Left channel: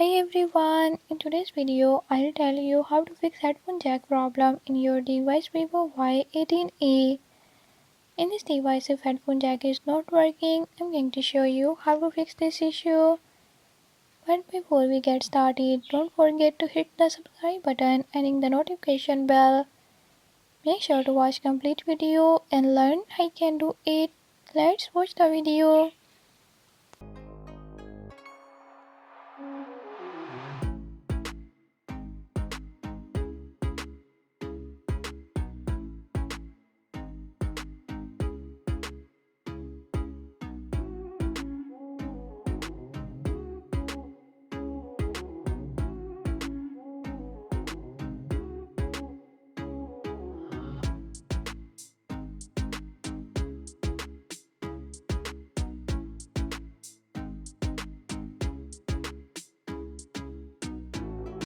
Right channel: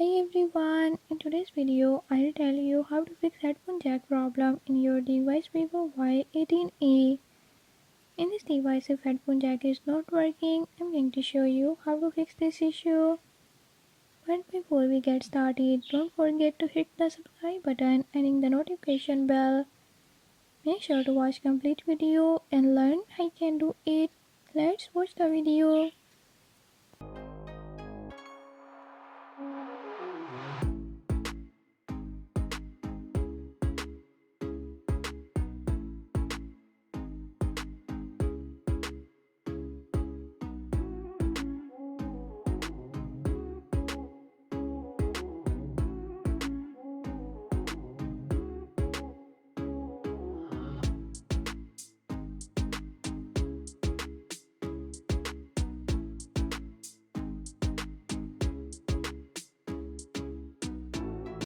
Hey everyone, in today's video I'll tell you how to fix headphone jack problem in your device Vivo Y18e. In this device if headphone jack is not working, I'm going to show you how to fix this issue. But before we get started, don't forget to hit the subscribe button and ring the notification bell. Make sure to watch complete video and learn I can do it. Let's watch the video.